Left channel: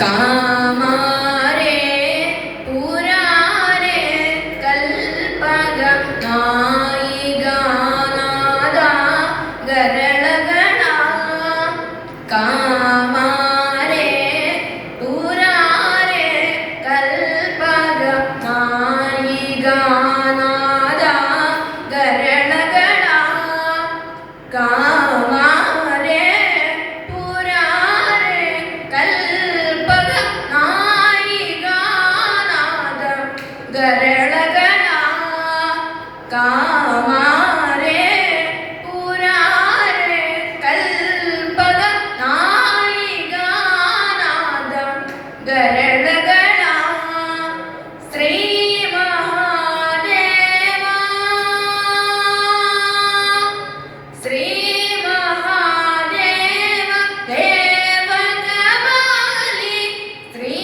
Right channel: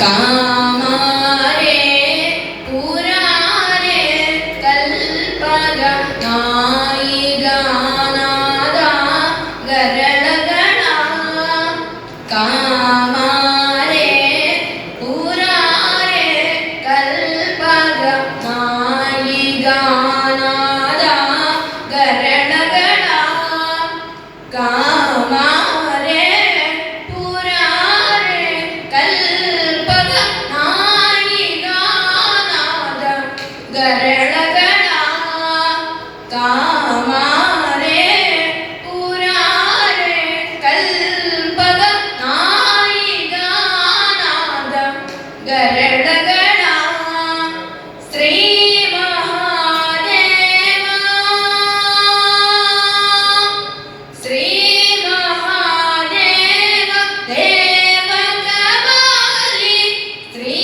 ಕಾಮಾರೆ ಪುರಾರೆ ಕಲ್ಪಗ ನಾಯಿಗಾನಾದ ಗರಳಗಳ ಕಾಮಾರೆ ಪುರಾರೆ ಕಲ್ಪಗ ನಾಯಿಗಾನಾದ ಗರಳಗಳ ಕಾಮಾರೆ ಪುರಾರೆ ಕಲ್ಪಗ ನಾಯಿಗಾನಾದ ಗರಳಗಳ ಕಾಮಾರೆ ಪುರಾರೆ ಕಲ್ಪಗ ನಾಯಿಗಾನಾದ ಗರಳಗಳ ಶ್ರೀ ಮಹಾದೇವ ಶ್ರೀ ಮಹಾದೇವ ದೇವಗಬಾಲಿ ಶ್ರೀ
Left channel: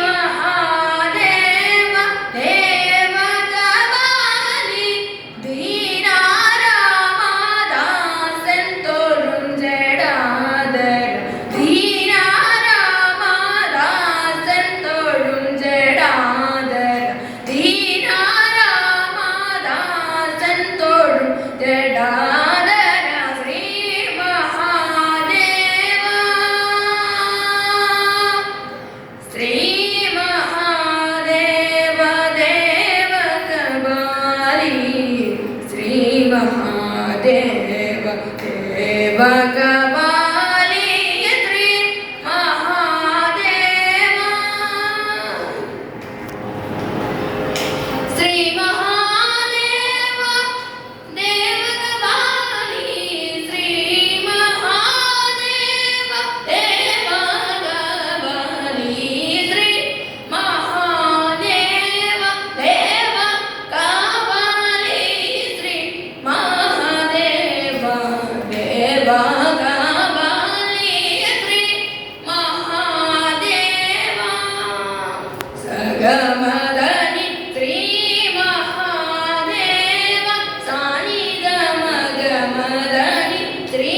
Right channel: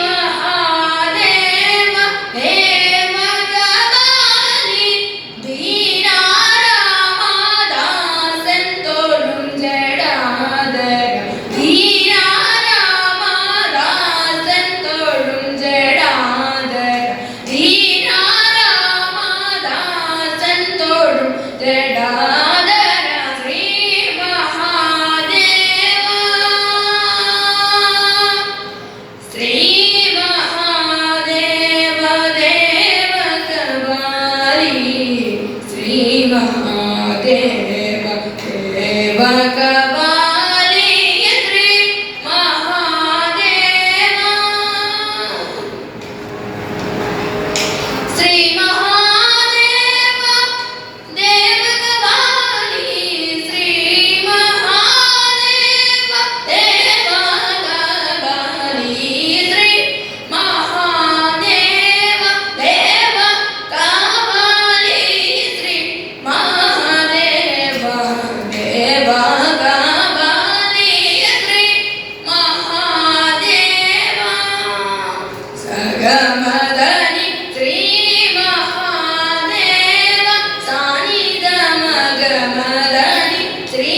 ಮಹಾದೇವ ದೇವಗಬಾಲಿ ധീരാരാമദാസൻ തൊഴും ജടാധര ധീരാരാമദാസൻ തൊഴും ജടാധര ശ്രീ മഹാദേവ ശ്രീ മഹാദേവ ദേവകബാലി ശ്രീ മഹാദേവ ദേവകബാലി ശ്രീ മഹാദേവ ശ്രീ മഹാദേവ ദേവകബാലി ശ്രീ മഹാദേവ ദേവകബാലി ശ്രീ മഹാദേവ ദേവകബാലി ശ്രീ മഹാദേവ ദേവകബാലി ശ്രീ മഹാദേവ സഗമദനി ശ്രീ മഹാദേവ സാനിധമഗമദനി ശ്രീ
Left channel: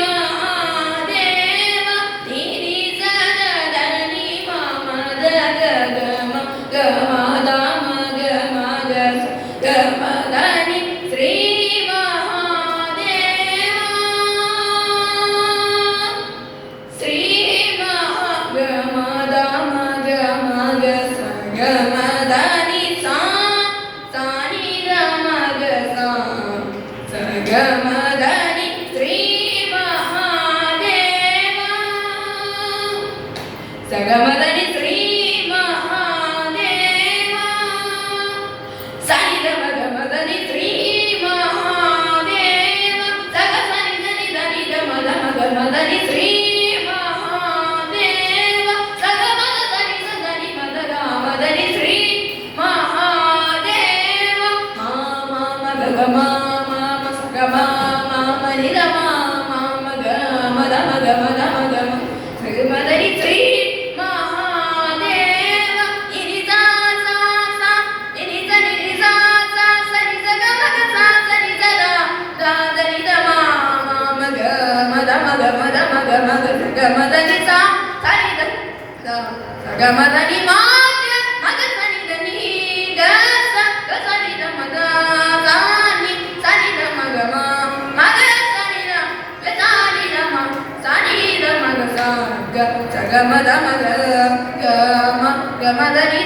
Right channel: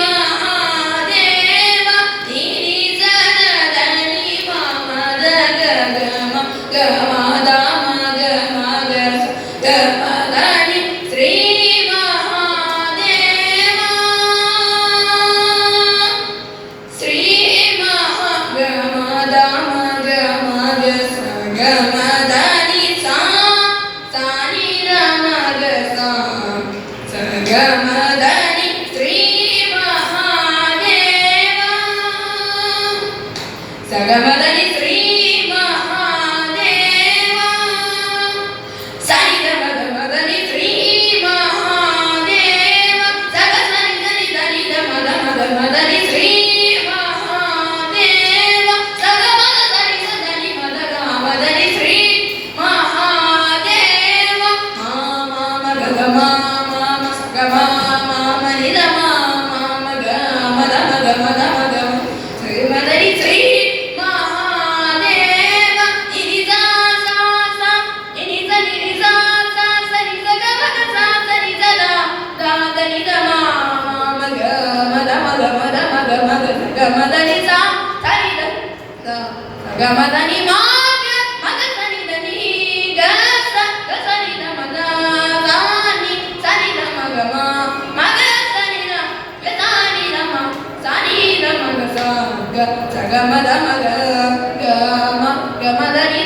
മഹാദേവ തിരിസദനി മമദഗഗമ ഗമദമഗമഗ ഗമദനി ശ്രീ മഹാദേവ ശ്രീ മഹാഗമദമഗമഗ സഗമദനി സാ സാനിധമഗ സാ സഗമദനി ശ്രീ മഹാദേവ സഗമദനി ശ്രീ മഹാദേവ സൈദമഗമദനി ശ്രീ മഹാദേവ സഗസനിധനി ധനിധമദമഗമദനി ശ്രീ മഹാദേവ സഗമദനി സദനി മദഗമദനി ശ്രീ മഹാദേവ മാമഗമഗമ സഗമമനിധമമഗമദമഗമദമഗമ ശ്രീമദനി ശ്രീ മഹാദേവ നിരിസാസാസ നിരിസ നിരിസാസ സരിസഗമഗ സാസരിസദ ഗമദമഗമദമഗമദമഗമദനി സാ സരിദ ഗമദനി മാഗ്യ മഗസനിധനി ഗസ ഗസനിധ മഗാനി സനിധ മഗമ മഗസനിധ ഗസാനിധ മ സനിധ മഗസ ഗ സഗമദ മഗ ഗമ ഗമദനി